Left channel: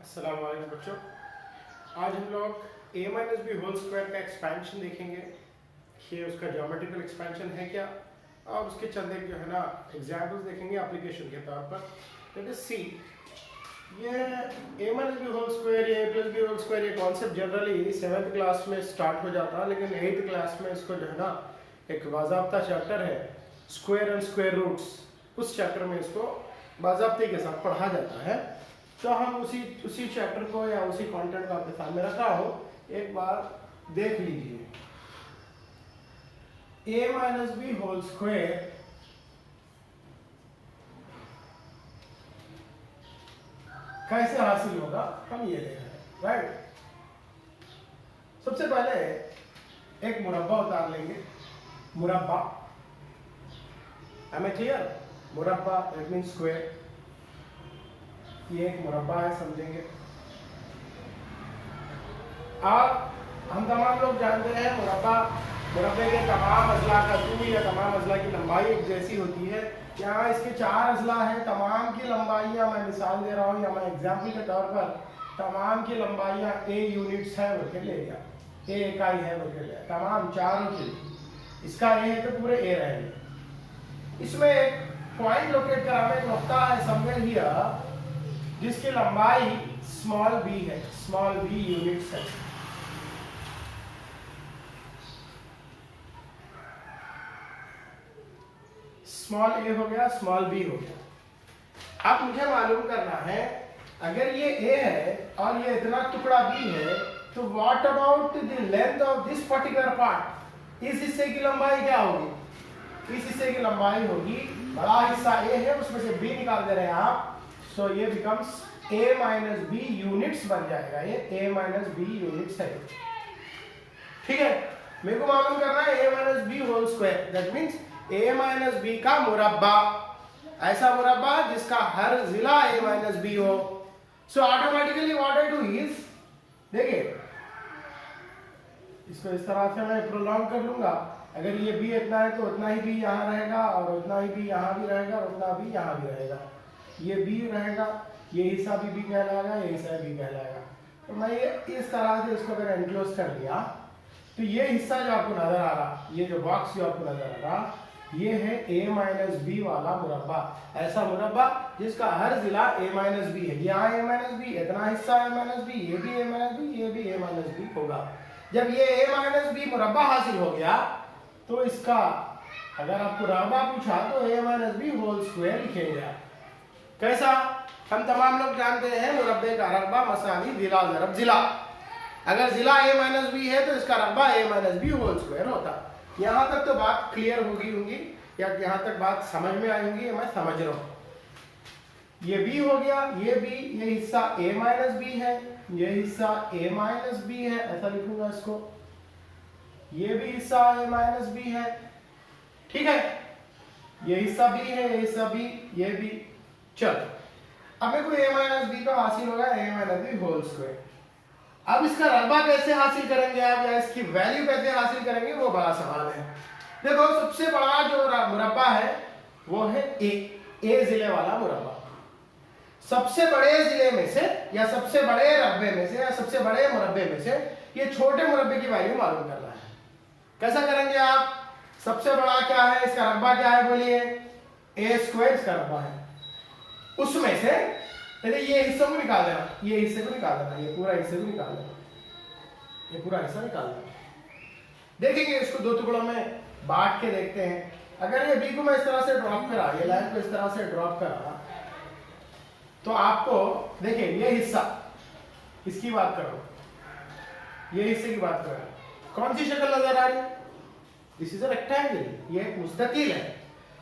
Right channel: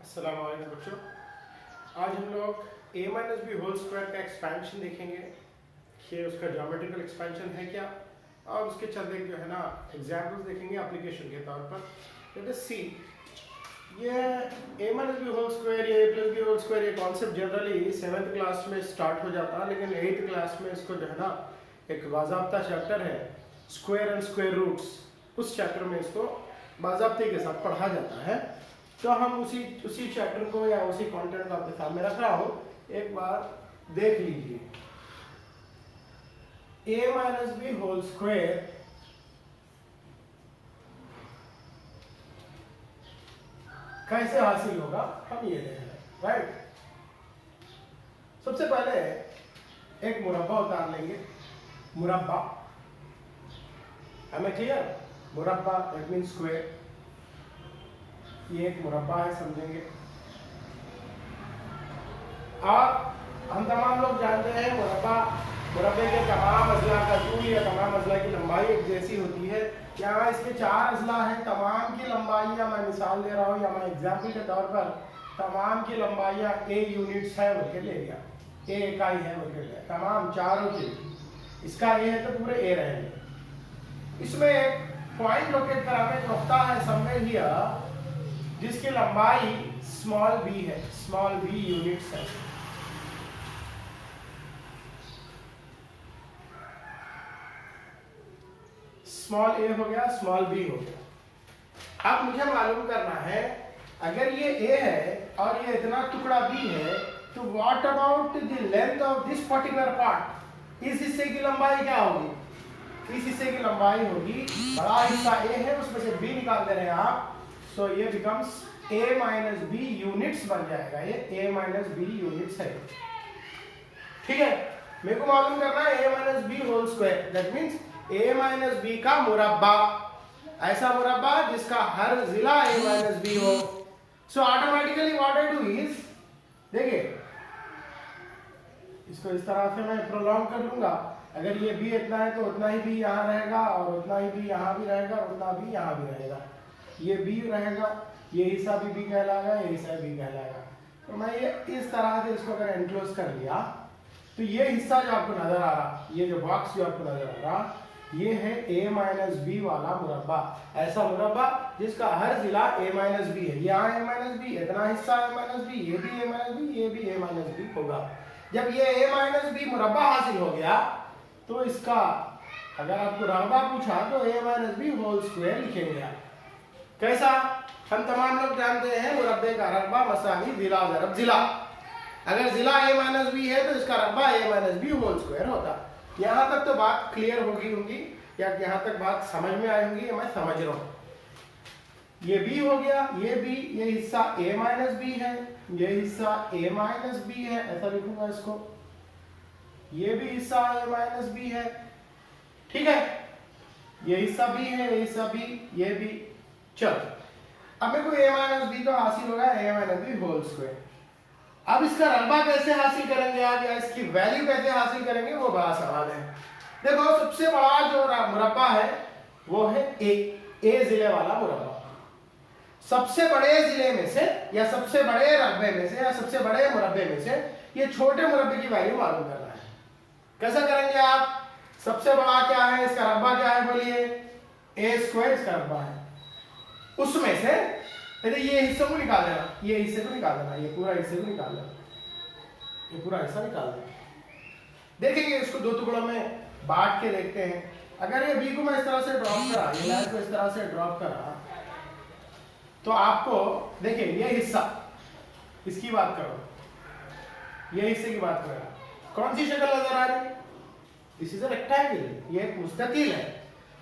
अस्सलाम वालेकुम बच्चों, आज हम लोग a minus B whole square का एक्सपेंशन देखेंगे कि उसका ज्योमेट्रिकल एक्सपेंशन है क्या, और उसके चंद एक जो है ना एग्जाम्पल्स देखेंगे एप्लीकेशन के तौर पर। लेट अस सी, ये a minus B whole square या a plus B whole square ये कॉन्सेप्ट जनरली 7th क्लास में स्टार्ट हो जाता है, लेकिन 8th क्लास में इसको जो है ना एक बाज़ाब्ता चैप्टर है स्क्वायर एंड स्क्वायर रूट्स, उस चैप्टर में इसको बाज़ाब्ते के साथ पढ़ा जाता है। तो हम उसी चैप्टर को या उसी कंटेंट को आपके सामने रख रहा हूं, एक बार देख लीजिए। a minus B whole square कैसे हासिल होगा हम ये देख रहे हैं, राइट। सबसे पहले एक मुरब्बा उतार लेंगे। मुरब्बा, एम आई क्लियर? मुरब्बा दैट मीन स्क्वायर। ये एक मुरब्बा है, समझेंगे। और हम तमाम लोग जानते हैं मुरब्बे के तमाम अजला का तूल या तमाम अजला की लंबाई एक जैसी होती है। यहाँ इसके 4 अजला हैं, तमाम की लंबाइयाँ मैं मिसाल दे रहा हूँ या मैं एग्जाम्पल के तौर पर तमाम की लंबाइयाँ a यूनिट्स है बोल के ले लिया, a इकाई है बोल के लिया, तमाम चारों की। इसका a है तो पूरे a रहेंगे। इसमें एक पॉइंट लोकेट कराने एक नुक्ता है समवेयर हियर, जिसकी लंबाई स्मॉल b है, स्मॉल b यूनिट्स है। स्मॉल a हो गया, स्मॉल b हो गया। अब मुझे मालूम करना है, अगर ये a है और ये इतना टुकड़ा b है, तो what about the length of this particular part? इस हिस्से की लंबाई क्या होगी? इस हिस्से की लंबाई होगी, बड़ा हिस्सा a है, उसमें से b निकाल दे रहे हैं आप, सो ये becomes a minus B units बन जाएगा। ये a माइनस बी यूनिट्स है, ठीक है। मेरे को मालूम करना है a minus B whole square, that means a minus B का मुरब्बा, ऐसा मुरब्बा जिसका हर जिला a माइनस बी हो। So automatically what I do is, देखिए इसको इस तरह से मैं प्रोलॉन्ग कर लूंगा। अगर ये b इतना है तो उतना ही b यहाँ रहेगा, और उतना ही b यहाँ भी रहेगा, और उतना b यहाँ भी रहेगा। ये b रहेगा, ये हिस्सा भी b कहलाएगा, ये हिस्सा b कहलाएगा। तो मैं ये इस तरह से इसको अगर एनक्लोज कर लिया, तो ये हिस्सा जो आपको नजर आ रहा, ये जो बॉक्स जो आपको नजर आ रहा, ये है a माइनस बी वाला मुरब्बा। ऐसा मुरब्बा जिसका हर जिला a माइनस बी है। यहाँ a माइनस बी, इतना हिस्सा a माइनस बी, ये भी a माइनस बी, ये भी a माइनस बी होगा। जब ये a माइनस बी मुरब्बा हासिल हो गया, तो इसका अगर आपको रकबा पूछा तो a minus B whole square लिखेंगे। कैसा? हम तमाम लोग जानते हैं मुरब्बे का रकबा मसावी जिला ज़रब जिला। अगर जिला a माइनस बी है तो इसका रकबा a minus B whole square होता। यहाँ तक तो बात क्लियर होगी या यहाँ तक बात समझ में आई होगी, मैं समझ रहा हूँ। ये b हो गया, ये b, ये हिस्सा a माइनस बी है, ये हिस्सा a माइनस बी है, ऐसा लिखूंगा इसको। ये भी हिस्सा a माइनस बी है, ठीक है। ये हिस्सा b है, ये हिस्सा b, ये भी। चलो, अब मेरे को a माइनस बी का हासिल होगा a minus B whole square. अब इसका रकबा कैसे हासिल करेंगे आप, या इसकी वैल्यू कैसे हासिल करेंगे, वो बड़ा सवाल है। देखो, सबसे बड़ा जो मुरब्बा है वो है ए जिले वाला मुरब्बा। सबसे बड़े जिले में से या सबसे बड़े रकबे में से या सबसे बड़े मुरब्बे में से ये छोटे मुरब्बे की वैल्यू मालूम करना है। कैसा करेंगे आप? सबसे बड़ा क्या है, इसका रकबा क्या है, बोलिए? ए स्क्वायर इसका रकबा है। उसमें से ये हिस्सों को निकाल देना, ये हिस्से को निकाल देना, ये पूरा हिस्से को निकाल देना, ये पूरा हिस्सा निकाल देना। देखेंगे इसको दो टुकड़ों में बांट के देखते हैं। अगर ये b को मैं इस तरह से ड्रॉप करा, ये लाइन को इस तरह से ड्रॉप करा, तो आपको देखिए ये हिस्सा, इसकी बात करो, ये हिस्से की बात करो, कौन सी शक्ल नजर आ रही? दिस इज अ रेक्टेंगल, ये एक मुस्ततील है।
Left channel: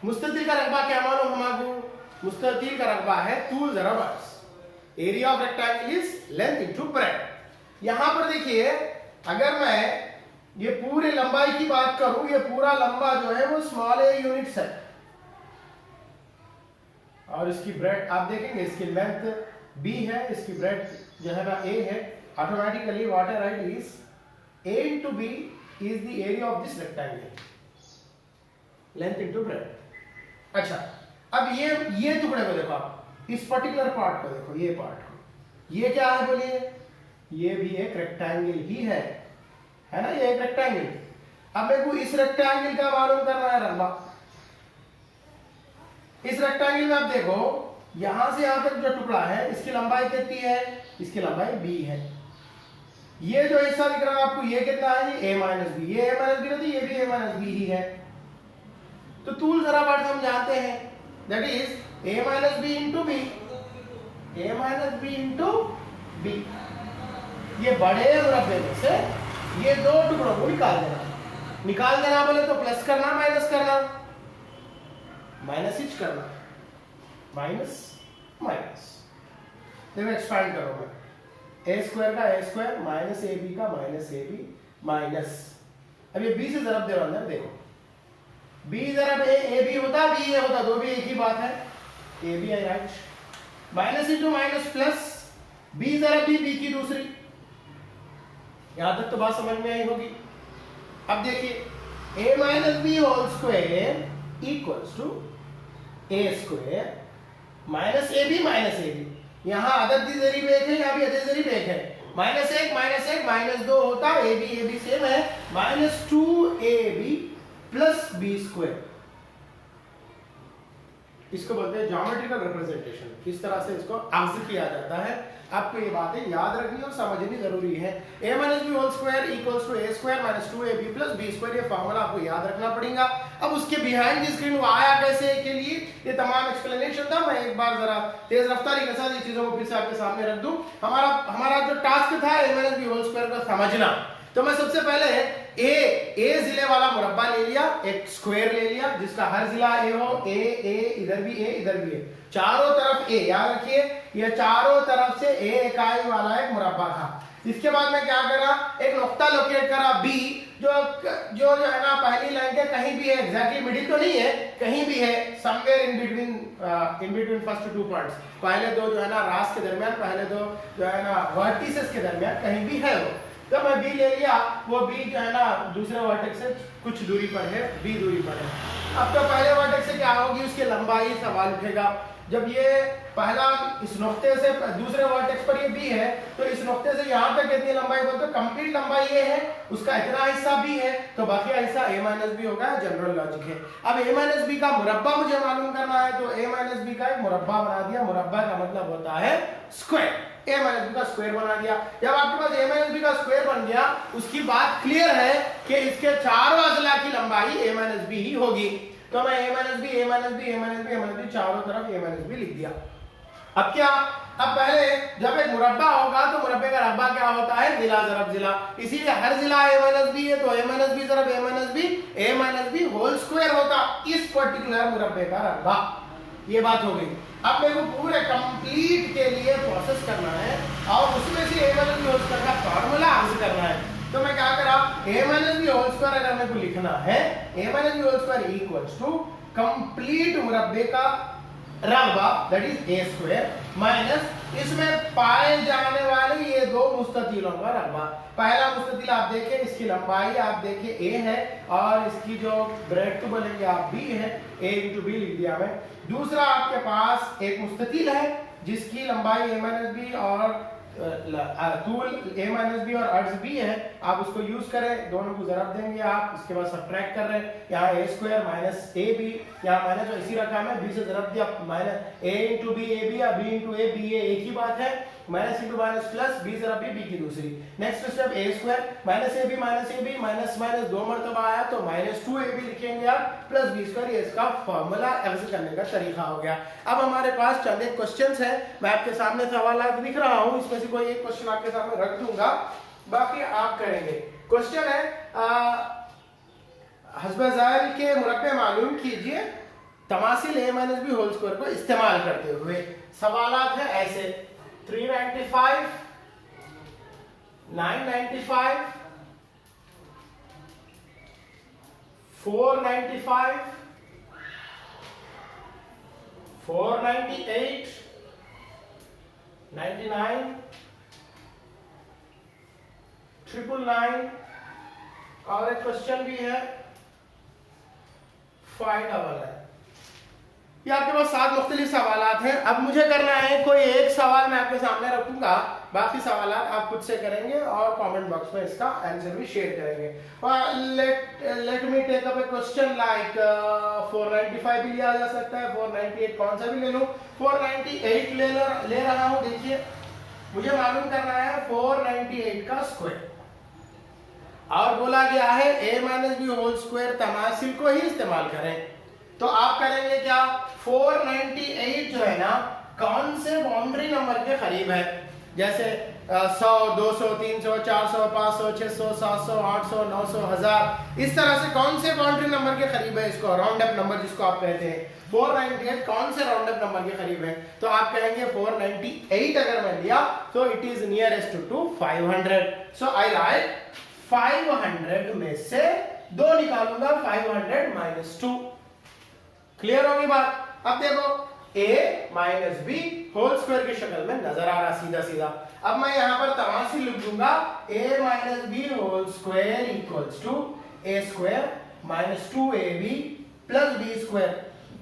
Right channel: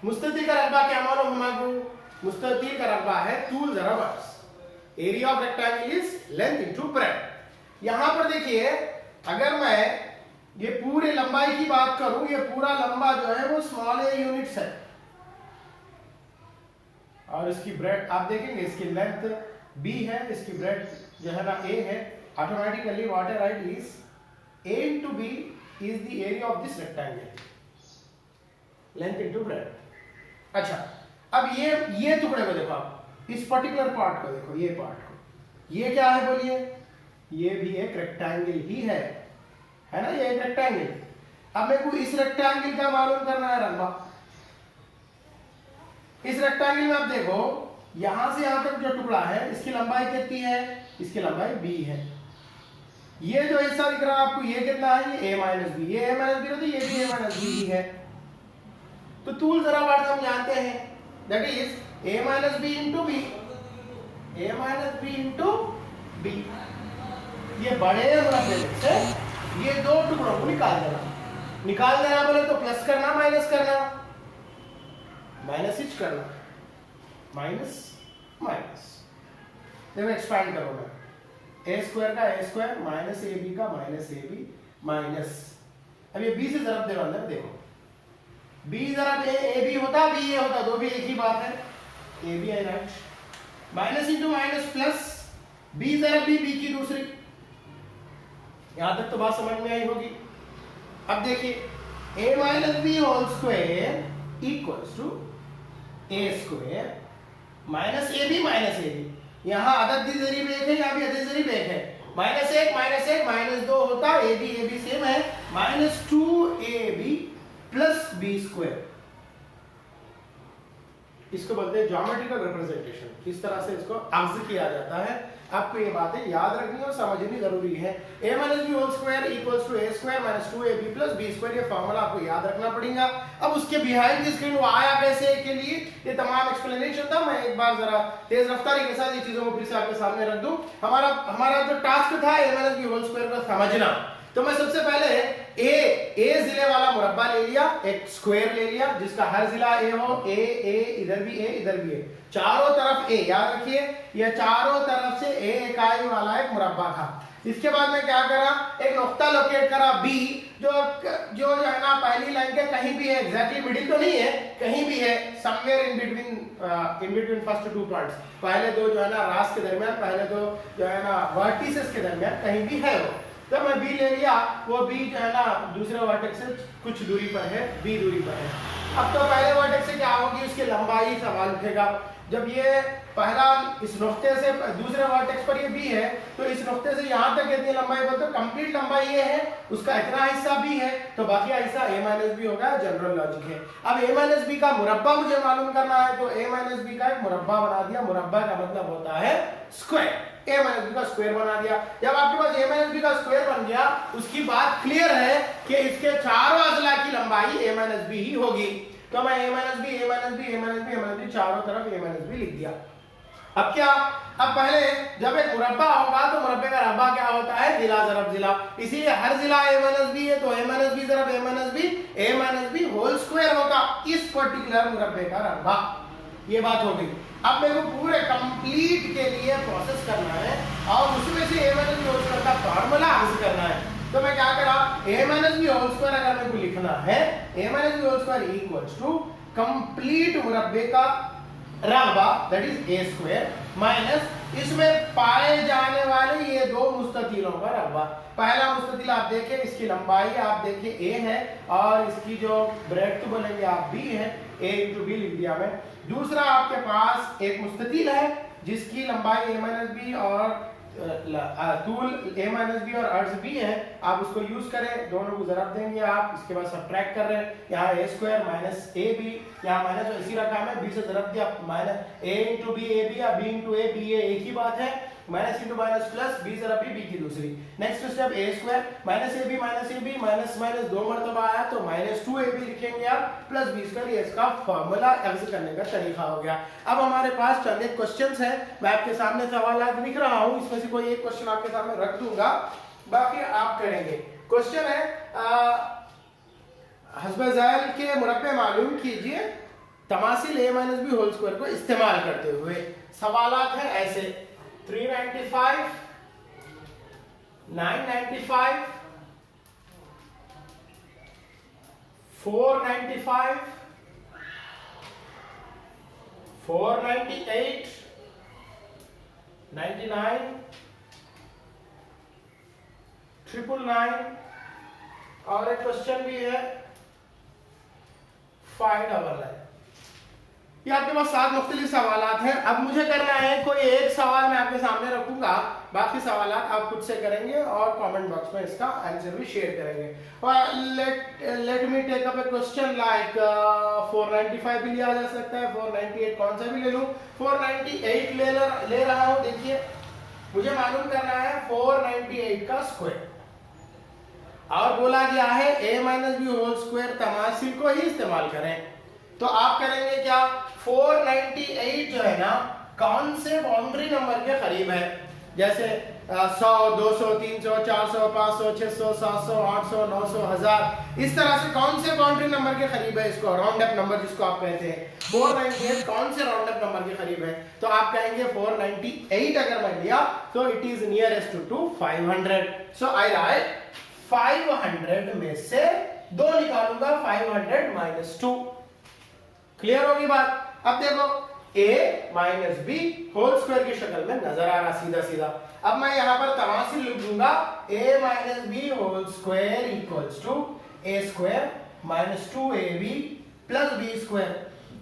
मुस्ततील का रकबा क्या मालूम हमको? मुस्ततील का रकबा है तूल ज़रब अर्ज़। Area of rectangle is length into breadth. यहां पर देखिए, अगर मैं ये पूरे लंबाई की बात करूं, ये पूरा लंबा जो है वो स्मॉल a यूनिट्स है, और इसकी ब्रेड्थ आप देखेंगे, इसकी लेंथ b है, इसकी ब्रेड्थ जो है ना a है। Automatically what I right is a into b is the area of this rectangle, length into breadth। अच्छा, अब ये टुकड़े को देखो आप, इस पर्टिकुलर पार्ट को देखो, ये पार्ट को, ये क्या है बोलिए, ये भी एक रेक्टेंगल ही है ना, ये एक रेक्टेंगल। अब मेरे को इस रेक्टेंगल का मालूम करना है रकबा। इस रेक्टेंगल में अब देखो यहां से यहां तक जो टुकड़ा है इसकी लंबाई कितनी है, इसकी लंबाई b है। ये जो हिस्सा दिख रहा है आपको ये कितना है, ये a माइनस बी, ये a माइनस बी रहती है, ये भी a माइनस बी ही है। तो टूल जरा वर्ड हम जानते हैं, that is a minus B into B, a minus B into B. ये बड़े मुरब्बे में से ये दो टुकड़ों को निकाल देना बोले तो प्लस करना माइनस करना, माइनस ही करना, माइनस माइनस। देखो एक्सपांड करो मैं, ए स्क्वायर का ए स्क्वायर माइनस ए बी का माइनस ए बी माइनस, अब ये बी से जरब दे रहा अंदर, देखो बी जरब ए बी होता बी ए होता, दो भी एक ही बात है, A B I right, minus into minus plus, B जरब बी की दूसरी। यहां तक तो बात समझ में आई होगी। अब देखिए a minus B whole square equals to A square minus A B minus A B. यहां अदद जरीब एक है, यहां भी अदद जरीब एक है, माइनस एक माइनस दो होता, ए बी सेम है, minus two A B plus B square. इसको बोलते हैं ज्योमेट्रिकल रिप्रेजेंटेशन। इस तरह से इसको आंसर किया जाता है। आपको ये बातें याद रखनी और समझनी जरूरी है। a minus B whole square equals to A square minus two A B plus B square, ये फॉर्मूला आपको याद रखना पड़ेगा। अब उसके बिहाइंड द स्क्रीन वो आया कैसे के लिए ये तमाम एक्सप्लेनेशन था। मैं एक बार जरा तेज रफ्तारी के साथ ये चीजों को फिर से आपके सामने रख दूं। हमारा जो टास्क था a minus B whole square का समझना, तो मैं सबसे पहले ए जिले वाला मुरब्बा ले लिया, एक स्क्वायर ले लिया जिसका हर जिला ए हो, ए इधर भी ए इधर भी है, चारों तरफ ए, याद रखिए ये चारों तरफ से ए इकाई वाला एक मुरब्बा था। इसके बाद मैं क्या करा, एक नुक्ता लोकेट करा बी, जो है ना पहली लाइन के कहीं भी है, एग्जैक्टली मिडिल तो नहीं है, कहीं भी है, somewhere in between first two points, पहले दो जो है ना रास के दरमियान, पहले दो जो है ना वर्टिसेस के दरमियान कहीं भी है वो। तो मैं बी ले लिया, वो बी जो है ना दूसरे वर्टेक्स से कुछ दूरी पर है, बी दूरी पर है। अब तो पहले वर्टेक्स से क्या होगी, उसकी लंबाई सवाल उठेगा। जब ये पहला इस नुक्ते से दूसरे वर्टेक्स पर ये बी है, तो इस नुक्ते से यहाँ तक कितनी लंबाई बोलते हैं, कंप्लीट लंबाई ये है, उसका इतना हिस्सा बी है, तो बाकी हिस्सा a माइनस बी होगा, जनरल लॉजिक है। अब a माइनस बी का मुरब्बा मुझे मालूम करना है, तो a माइनस बी का एक मुरब्बा बना दिया। मुरब्बा का मतलब होता है स्क्वायर, a माइनस बी का स्क्वायर बना दिया। जब आपके पास a माइनस बी का स्क्वायर बन गया, उसकी बात क्लियर है कि इसके चारों अजला की लंबाई a माइनस बी ही होगी। तो मैं a minus B a minus B a minus B a minus B चारों तरफ a माइनस बी लिख दिया। अब क्या, अब पहले जब एक मुरब्बा होगा तो मुरब्बे का रब्बा क्या होता है, जिला जरब जिला, इसीलिए हर जिला a माइनस बी है, तो a माइनस बी जरब a minus B whole square होगा इस पर्टिकुलर मुरब्बे का रब्बा। ये बात हो गई। अब मेरे को पूरे कंप्लीट के लिए प्रोसेस करना है और उसमें से a minus B whole square का फार्मूला आंसर करना है। तो मैं क्या करा, a minus B whole square अगर मेरे को लिखना है, a minus B whole square equals to complete मुरब्बे का रब्बा that is a square minus इसमें पाए जाने वाले ये दो मुस्ततीलों का रब्बा। पहला मुस्ततील आप देखिए, इसकी लंबाई आप देखिए a है और इसकी जो ब्रेड तो बनेगी आप b है, a इंटू बी लिख दिया मैं। दूसरा आपके पास एक मुस्ततील है जिसकी लंबाई a माइनस बी और तूल a माइनस बी और अर्ज b है, आप उसको यूज करें, दोनों को जरब देंगे आप, इसके बाद सब्ट्रैक्ट कर रहे हैं, यहाँ a square minus A B, यहाँ माइनस इसी रकम है, b से जरब दिया, minus a into B A B या b into A B A एक ही बात है, minus into minus plus b जरब b की दूसरी। Next step a square minus A B minus minus दो मरतबा आया तो माइनस टू ए बी लिखेंगे आप प्लस b स्क्वायर, ये इसका फॉर्मूला आंसर करने का तरीका हो गया। अब हमारे पास चंद एक क्वेश्चंस हैं, मैं आपके सामने सवाल लिख रहा हूँ, इसमें से कोई एक क्वेश्चन आपके सामने रख दूंगा, बाकी आप करेंगे। क्वेश्चन है हस्ब ज़ैल के मुरब्बे मालूम कीजिए तमासिल a minus B whole square को इस्तेमाल करते हुए। सवालात है ऐसे 395, 995, 495, 498, 99, 999 और एक क्वेश्चन भी है 599। ये आपके पास 7 मुख्तलिफ सवालात हैं। अब मुझे करना है कोई एक सवाल मैं आपके सामने रखूंगा, बाकी सवालात आप खुद से करेंगे और कमेंट बॉक्स में इसका आंसर भी शेयर करेंगे। लेट मी टेक अप ए क्वेश्चन लाइक 495 भी लिया जा सकता है, 498 कौन सा भी ले लूं, 498 ले रहा हूं। देखिए मुझे मालूम करना है 498 का स्क्वायर, और बोला गया है a minus B whole square, तमासिल को ही इस्तेमाल करें। तो आप करेंगे क्या, 498 जो है ना कौन से बाउंड्री नंबर के करीब है, जैसे 100, 200, 300, 400, 500, 600, 700, 800, 900, 1000, इस तरह से कौन से बाउंड्री नंबर के करीब है, इसको राउंड अप नंबर जिसको आप कहते हैं, 498 कौन से राउंड अप नंबर के करीब है। तो आप कहेंगे 498 अगर मैं लिया तो it is nearest to 500, so I like 500 में से 2 निकालूंगा, 500 माइनस 2। क्लियर होगी बात। अब देखो a minus B whole square की शक्ल में नजर आ रहा सीधा सीधा। अब मैं यहां पर तमासिल लिख दूंगा, a minus B whole square equals to a square minus 2ab plus b square.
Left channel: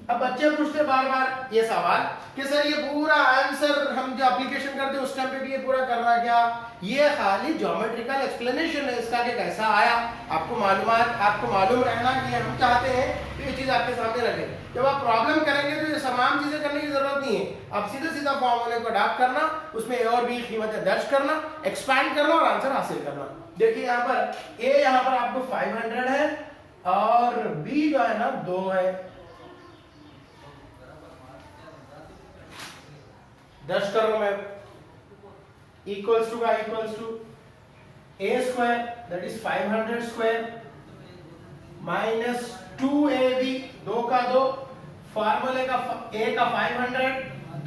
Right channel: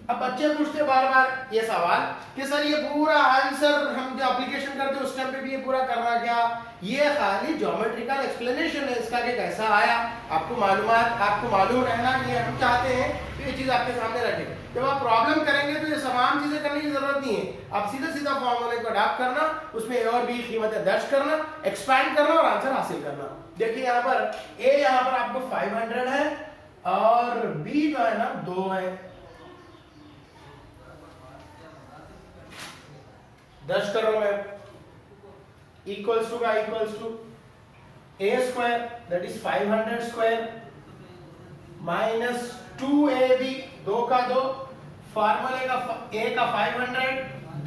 अब बच्चे पूछते बार बार ये सवाल कि सर ये पूरा आंसर हम जो एप्लीकेशन करते उस टाइम पे भी ये पूरा कर रहा क्या, ये खाली ज्योमेट्रिकल एक्सप्लेनेशन है इसका कि कैसा आया। आपको मालूम रहना कि हम चाहते हैं तो ये चीज आपके सामने रखें। जब आप प्रॉब्लम करेंगे तो ये तमाम चीजें करने की जरूरत नहीं है, आप सीधा सीधा फॉर्मूले को अडॉप्ट करना, उसमें a और b कीमतें दर्ज करना, एक्सपैंड करना और आंसर हासिल करना। देखिए यहाँ पर a यहाँ पर आपको 500 है और b जो है ना 2 है। दर्ज कर रहा हूं मैं, इक्वल्स टू का equals to a square that is 500 square minus 2ab, 2 का 2, फार्मूले का a का 500,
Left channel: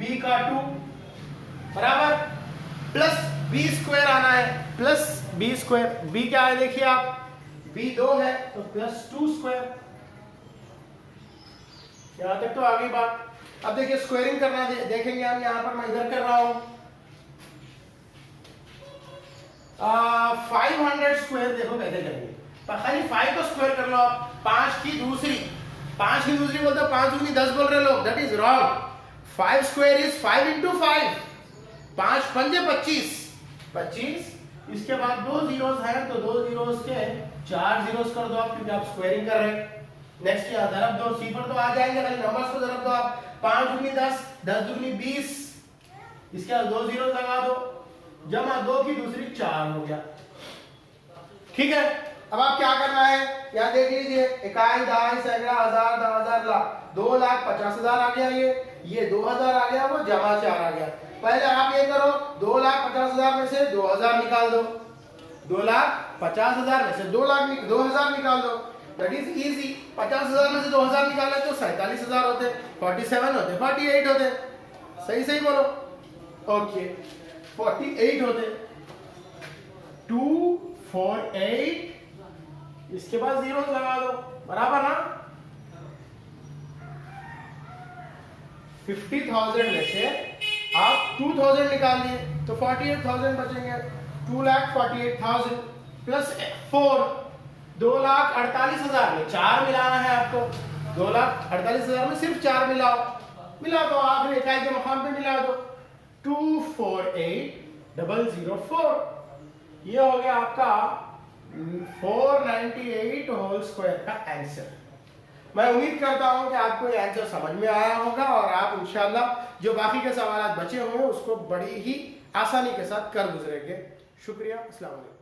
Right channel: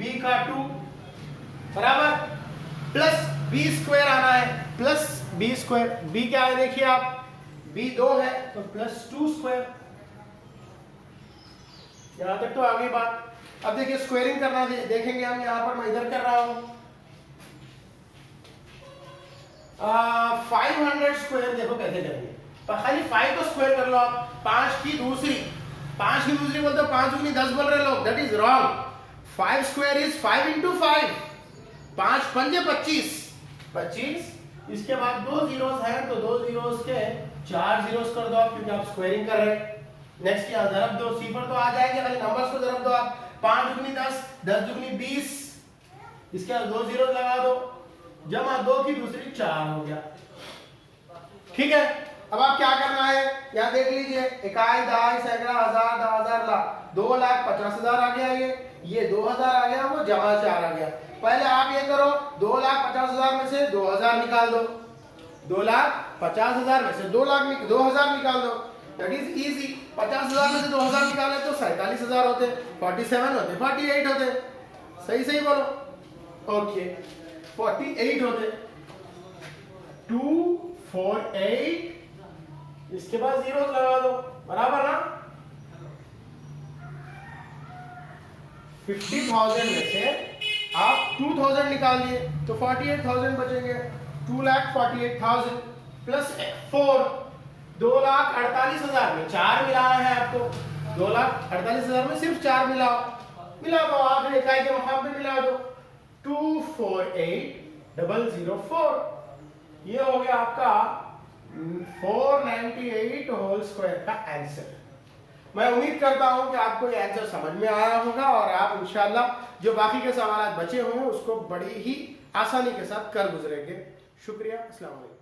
b का 2 बराबर प्लस b स्क्वायर आना है, प्लस b स्क्वायर, b क्या है देखिए आप, b 2 है तो प्लस 2 स्क्वायर। यहां तक तो आ गई बात। अब देखिए स्क्वायरिंग करना देखेंगे हम, यहां पर मैं इधर कर रहा हूं 500 स्क्वायर, देखो कैसे करेंगे, खाली 5 को स्क्वायर कर लो आप, 5 की दूसरी बोलते हो, 5 दूनी 10 बोल रहे लोग, that is wrong. 5 square is 5 into 5, 5 पंजे 25, इसके बाद 2 जीरोस हैं तो 2 जीरोस के 4 जीरोस कर दो आप, क्योंकि आप स्क्वायरिंग कर रहे हैं। नेक्स्ट क्या ज़रब दो, सिफर तो आ जाएंगे, खाली नंबर्स को ज़रब दो आप, 5 दूनी 10, 10 दूनी 20, इसके बाद 2 जीरो लगा दो, जमा 2 की दूसरी 4 हो गया। ठीक है, अब आप क्या करना है, यहाँ देख लीजिए, इकाई, दहाई, सैकड़ा, हजार, 10,000, लाख, 2,50,000 आ गया, ये 2000 आ गया, वो जमा 4 आ गया। पहले आप ये करो, 2,50,000 में से 2000 निकाल दो, 2,50,000 में से 2000 निकाल दो, दैट इज इजी। 50,000 में से 2000 निकाले तो 47,000 होते, 47 होते, 48 होते, सही बोलो, ओके 48 होते, 248, इसके बाद जीरो लगा दो, बराबर ना। 50,000 में से आप 2000 निकाल लिए तो 48,000 बचेंगे, 2,48,000 प्लस 4, 2,48,000 में 4 मिलाना है आपको, 2,48,000 में सिर्फ 4 मिला दो, आप इकाई के मकाम पे मिला दो, 248,004, ये हो गया आपका 498 होल स्क्वायर का आंसर। मैं उम्मीद करता हूं कि आपको ये आंसर समझ में आया होगा और आप इंशाल्लाह जो बाकी के सवाल बचे हुए हैं उसको बड़ी ही आसानी के साथ कर गुजरेंगे। शुक्रिया, अस्सलाम वालेकुम।